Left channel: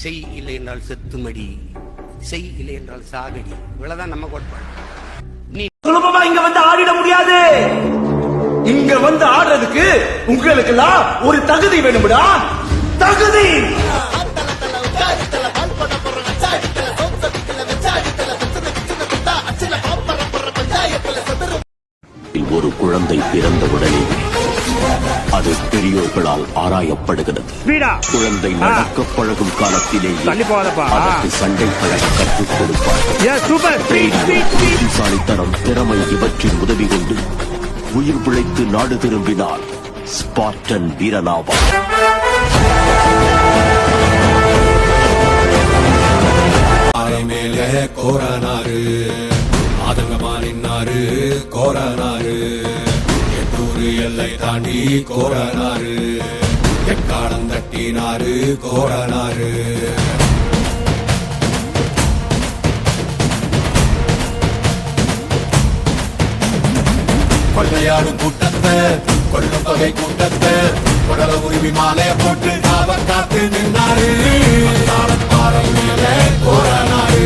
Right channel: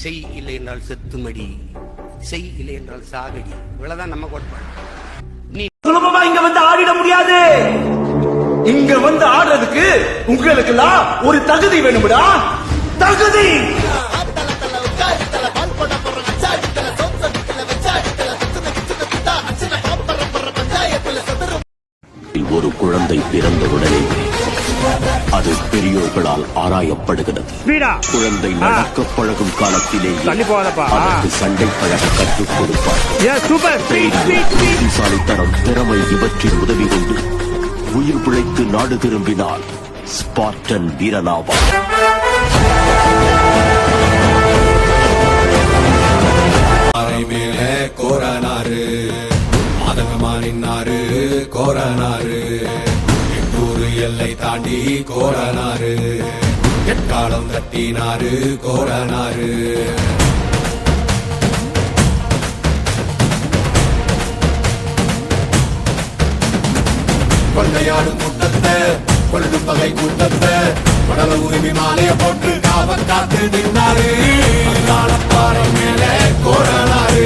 செய் இல்லை என்றால் செத்துமடி, செய் இல்லை என்றால் சாகடி. இவ்வளவுதான் நம்ம கோட்பாடு. நீ சுலபமா இங்க வந்து ஆடிட முடியாது. இங்க வந்து ஆடுறதுக்கு உங்களுக்கு ஒரு தகுதி வேணும்டா. தகுதி ஒரு குழந்தை பிறந்தவுடனே அது பெரியோர்களால் ஆராயப்படுகிறது. குழந்தை நடக்க பழகும் காலத்திலேயே அதற்கு சண்டை பழக கற்றுக் கொடுப்பார்கள். புத்திசாலித்தனம், திறமை இவற்றின் உதவி கொண்டு உயிர் பிழைத்து நாடு திரும்பினால் ஸ்பார்டன் வீரனாவார். கோரானாரு மாதங்கமா நின்னாரு, கோரானாரு எட்டூரு எல்லை தாண்டி கோரானாரு, எக்காலம் தட்டினாரு கோரானாரு. கொள்ளையாடும் கூட்டத்தை, கொள்ளும் தொகை கூட்டத்தை கொடல உரிமை மாலைய போட்டு காவல் காத்து நின்னாரு. தாளம் மேல கோரானாரு,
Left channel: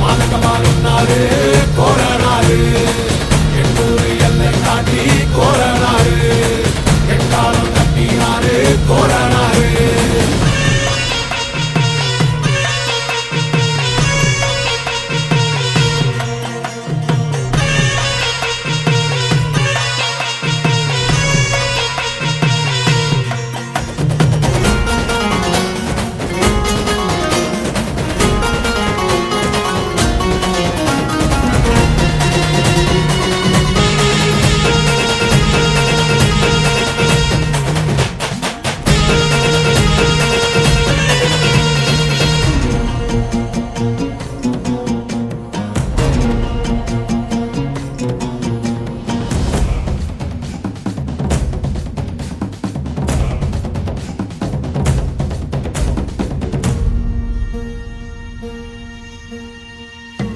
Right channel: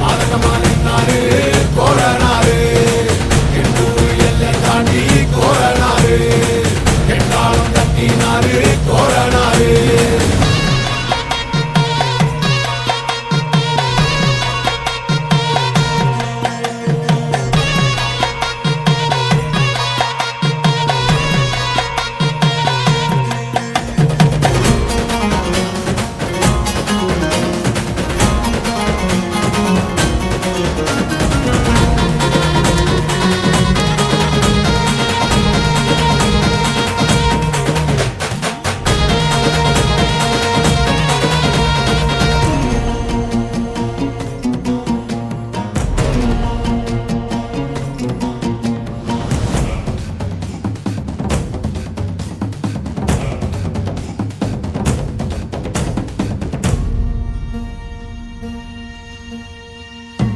மாதங்கமா நின்னாரு, கோரானாரு எட்டூரு எல்லை தாண்டி கோரானாரு, எட்டாலம் தட்டினாரு கோரானாரு.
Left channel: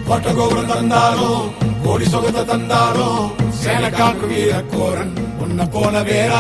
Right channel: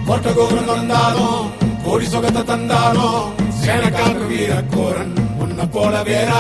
கோட்டை கோபுரம் தந்தாலும், கோடி சொகத்தை தந்தாலும், சேனக்காக்கு வீரக்கோரன் உன்னை போல வேற